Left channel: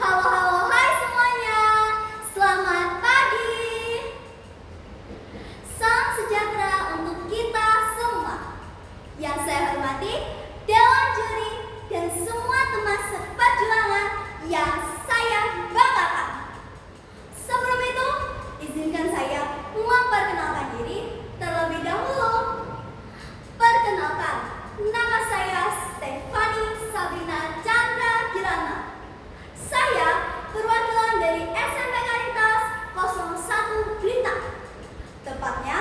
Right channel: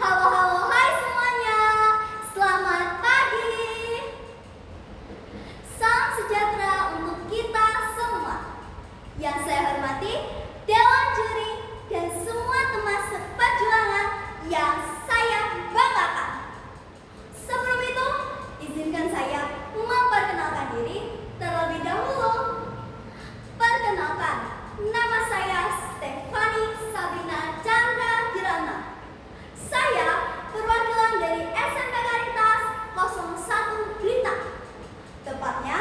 Halo, halo, hai semuanya. Selamat pagi. Salam sejahtera untuk kita semua. Yang saya hormati, Dewan Juri dan semua teman seperjuangan yang saya banggakan. Sebelum itu, izinkan saya memperkenalkan diri terlebih dahulu. Perkenalkan, nama saya Stefani Sabrina Chandra Kirana. Saya perwakilan dari SMP Karitas 01 Blitar. Tepatnya,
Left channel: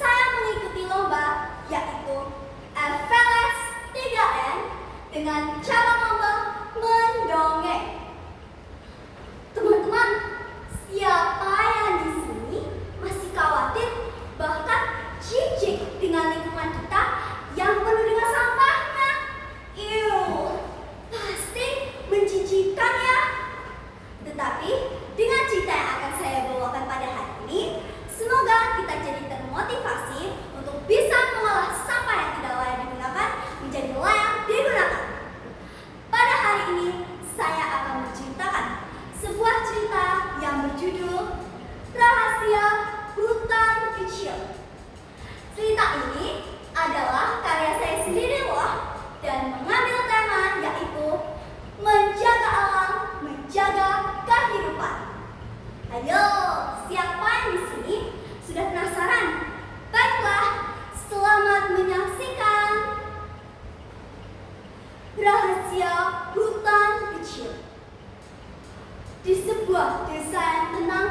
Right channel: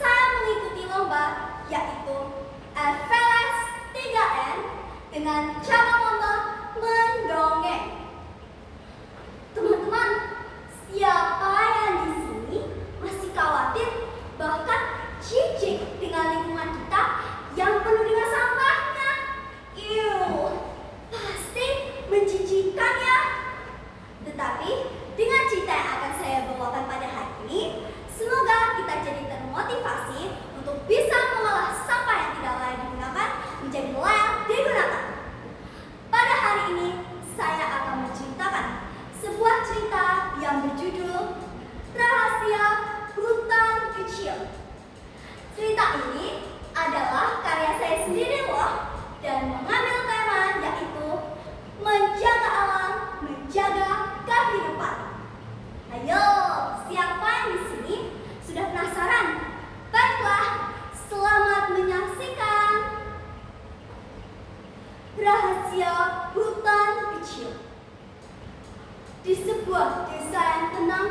saya mengikuti lomba yaitu FLS 3N dengan cabang lomba mendongeng. Teman-teman, siapa yang di sini masih khawatir bahkan jijik dengan lingkungan kita yang penuh dengan sampahnya? Pasti menjijikkan ya. Tetapi dengan cerita yang akan saya bawakan pada hari ini, semoga kita jadi termotivasi untuk bisa mengolah sampah yang tidak layak digunakan menjadi layak digunakan. Pada hari ini, saya akan menceritakan sebuah cerita yang berjudul Rahasia Hutan Kecil. Cerita ini adalah karya saya sendiri loh, dan mengambil tema yaitu menjaga alam, menjaga kehidupan. Ayo, siapa yang di sini sudah penasaran? Baiklah, selamat menyaksikan Rahasia Hutan Kecil. Di sebuah desa yang tenang,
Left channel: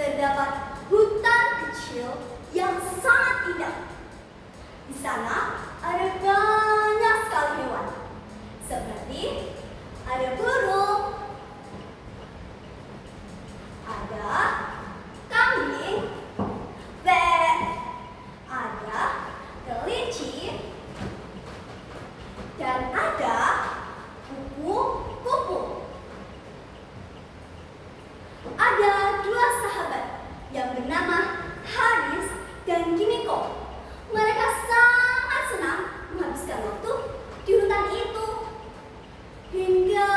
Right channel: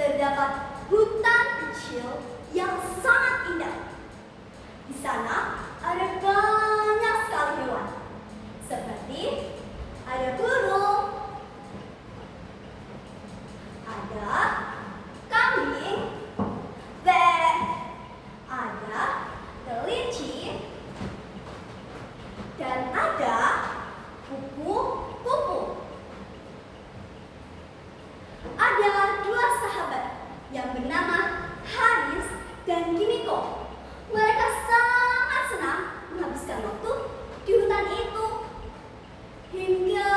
terdapat hutan kecil yang sangat indah. Di sana ada banyak sekali hewan, seperti ada burung, ada kambing, bebek, ada kelinci, dan ada kupu-kupu. Ada dua sahabat yang bernama Haris dan Kimiko. Mereka sangat senang menghabiskan waktu di hutan itu. Hingga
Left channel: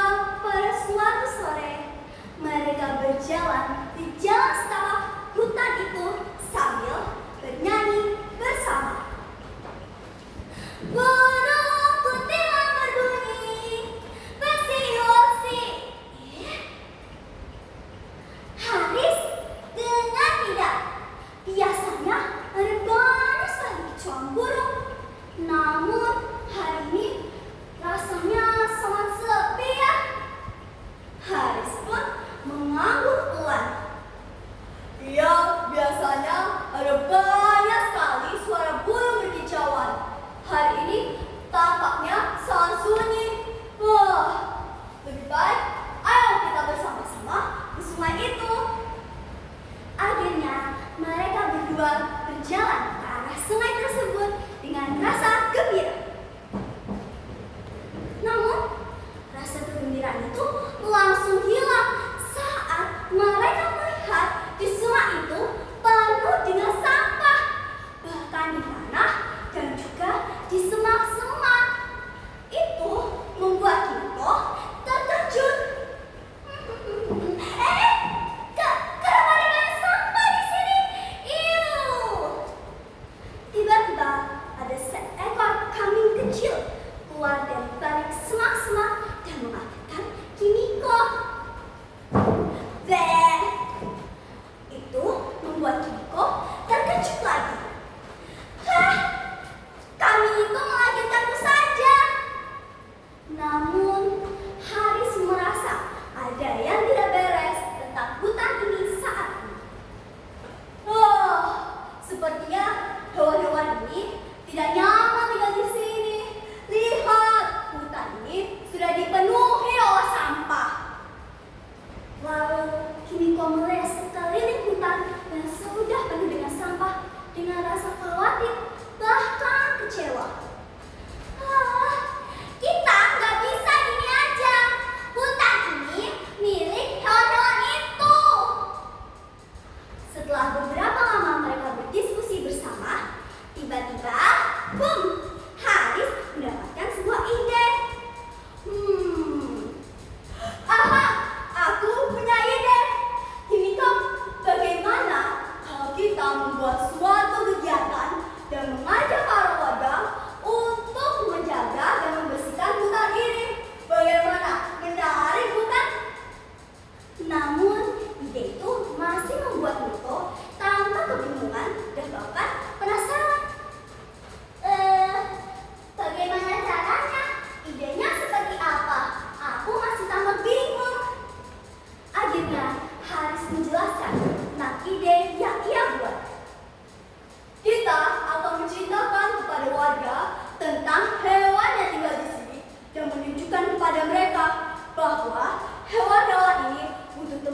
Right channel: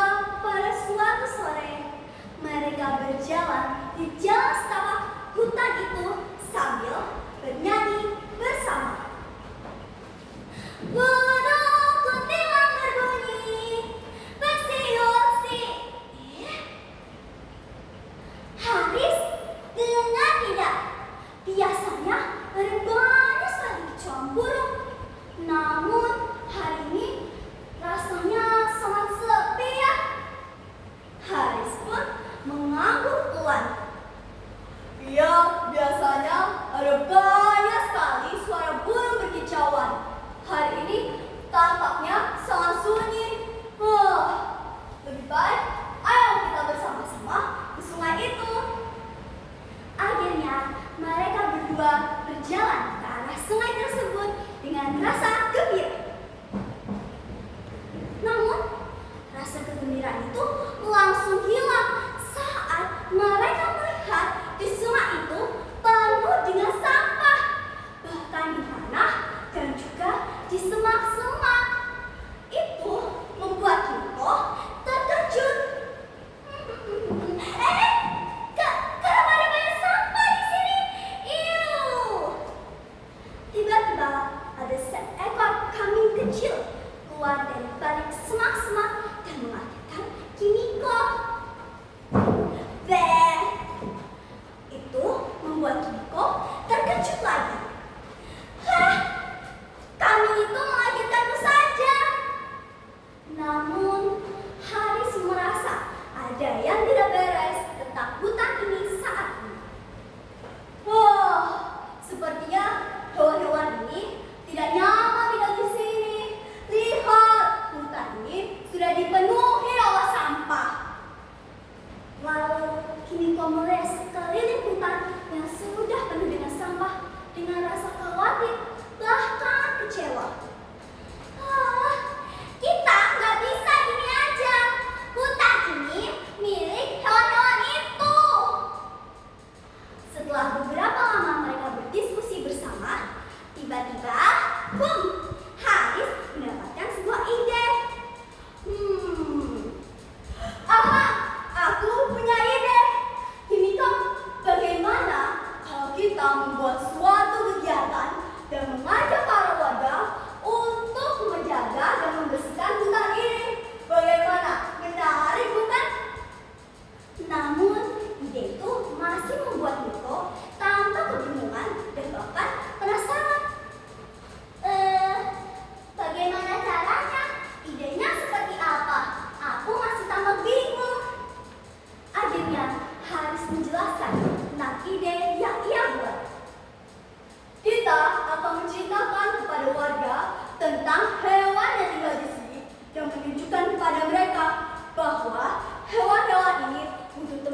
pada suatu sore, mereka berjalan di jalan setapak hutan itu sambil bernyanyi bersama. Burung kuntilanak berbunyi, bersiul-siul. Haris dengar tidak? Biasanya ada banyak sekali kicauan burung. Namun hari ini rasanya sangat sepi ya. Haris pun mengangguk pelan. Iya, biasanya ada banyak sekali suara burung berkicauan. Hari ini tampaknya sangat sunyi. Lebih baik ayo kita bersama-sama di sungai itu. Akhirnya mereka berdua berjalan ke arah sungai tersebut dengan rasa gembira. Namun rasa kegembiraan itu langsung hilang saat mereka melihat di sungai itu penuh dengan sampah, bahkan di tanah dan juga di semak-semak. Itu membuat Kimiko terkejut. Kenapa ada banyak sampah di sini? Tiba-tiba ada seekor kambing kecil keluar dari balik semak-semak dan mengagetkan Kimiko. Itu membuat Kimiko terkejut lagi. Kambing itu mengagetkanku saja. Namun Haris merasa ada yang tidak beres tentang hutan ini saat ini. Sepertinya hewan-hewan ini tidak nyaman tinggal di sini. Lihat, hutan ini sudah dipenuhi oleh sampah.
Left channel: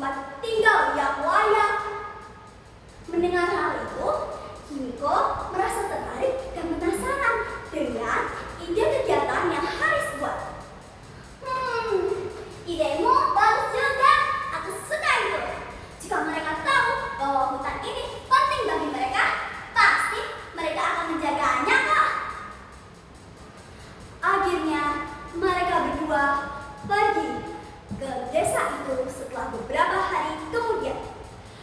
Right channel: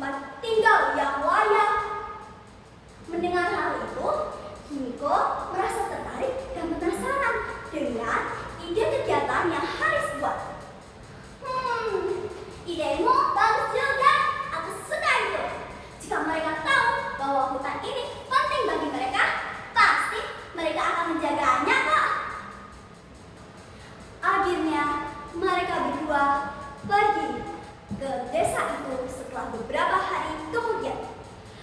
tempat tinggal yang layak. Mendengar hal itu, Himiko merasa tertarik dan penasaran dengan ide kegiatan yang Haris buat. Idemu bagus juga. Aku suka itu. Jika mereka tahu bahwa hutan ini penting bagi mereka, pasti mereka akan menjaganya kok. Akhirnya mereka berdua pergi ke desa itu setelah beberapa hari kemudian.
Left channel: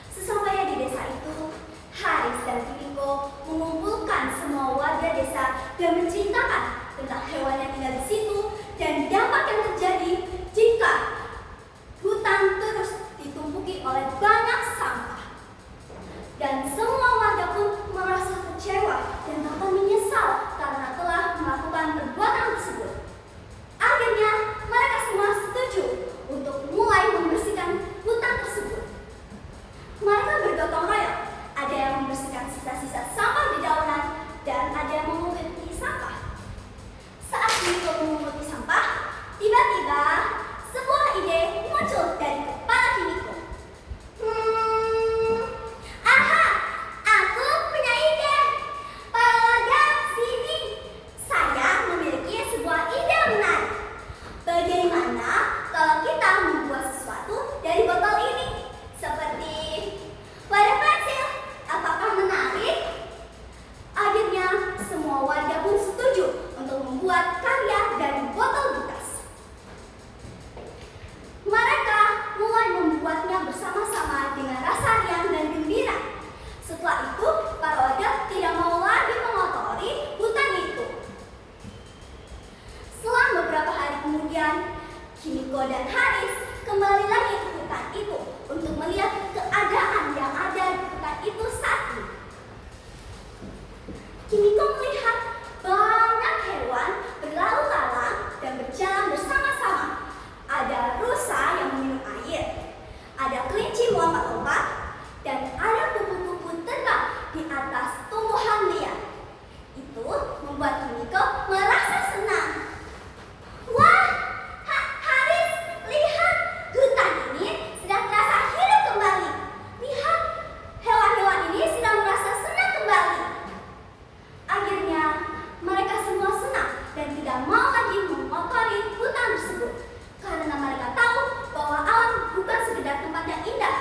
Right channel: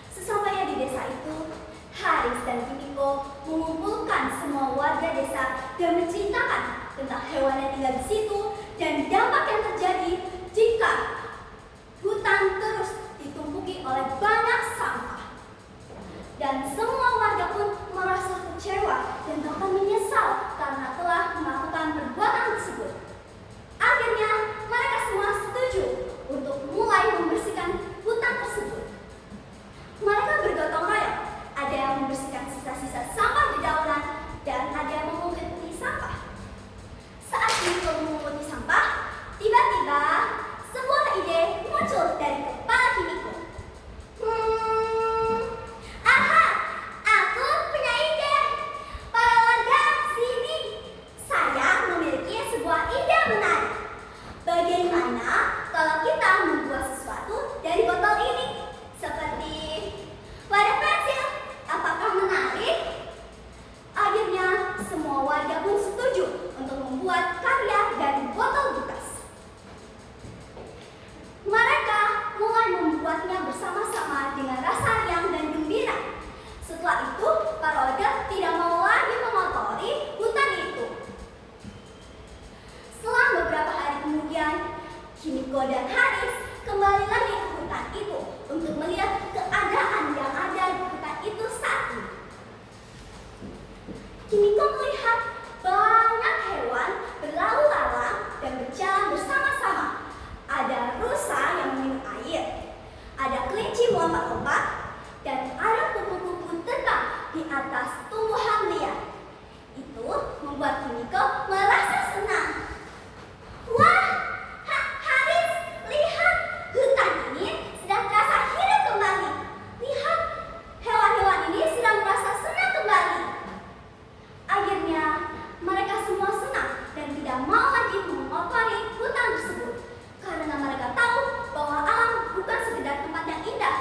Sesampainya di desa itu, Haris dan Himiko mengumpulkan semua warga desa dan menceritakan tentang hewan yang tinggal di situ dan dampak yang terjadi jika hutan terus ditumpuki oleh banyak sampah. Dan semua warga pun merasa kecewa dan bahkan menyesal karena telah melakukan perbuatan tersebut. Akhirnya mereka semua setuju untuk mulai membersihkan hutan tersebut. Mereka bergotong royong, ada yang membersihkan sisa-sisa sampah di daunan dan ada yang memunguti sampah. Saat Himiko memunguti sampah, tiba-tiba sebuah ide muncul dari kepala Himiko. Aha, aku punya ide. Para warga sini, saya memiliki sebuah ide menarik. Bagaimana kalau kita membuat sesuatu dari botol ini? Seperti wadah pensil, apakah menarik? Akhirnya semua warga pun setuju untuk membuat karya dari botol bekas. Mereka mulai membuatnya bersama-sama dengan rasa riang dan gembira. Setelah itu, para warga tidak mau lagi mengotori hutan itu. Setelah beberapa hari kemudian, Himiko dan Haris kembali lagi ke hutan itu untuk melihat keadaan yang ada di hutan itu saat ini. Himiko melihat banyak hewan berlalu lalang dan berjalan bersama-sama. Ada rusa yang meminum air, ada kelinci melompat-lompat, dan ada kupu-kupu terbang di atas tumbuhan liar. Itu membuat Himiko merasa senang. Wah, Haris, lihat, hutan ini sedang merasa hidup kembali. Lihat, hewan-hewan ini sedang merasa senang kembali. Akhirnya, mereka semua senang dan tidak mau lagi mengotori hutan tersebut. Karena mereka tahu bahwa alam bukan sekedar tempat yang indah,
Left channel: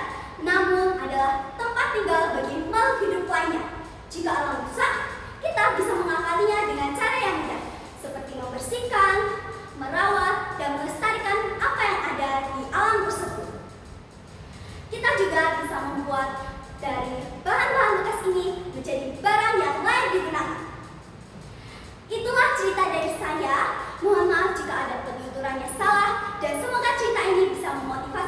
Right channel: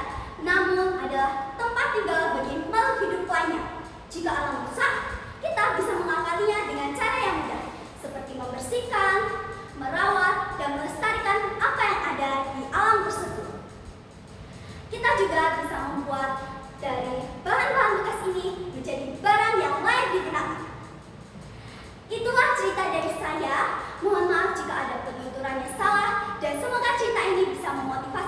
namun adalah tempat tinggal bagi makhluk hidup lainnya. Jika alam rusak, kita bisa mengakalinya dengan cara yang mudah, seperti membersihkan, merawat, dan melestarikan apa yang ada di alam tersebut. Kita juga bisa membuat dari bahan-bahan bekas ini menjadi barang yang layak digunakan. Itulah cerita dari saya. Mohon maaf jika ada penuturannya salah, dan semoga cerita ini bisa memotivasi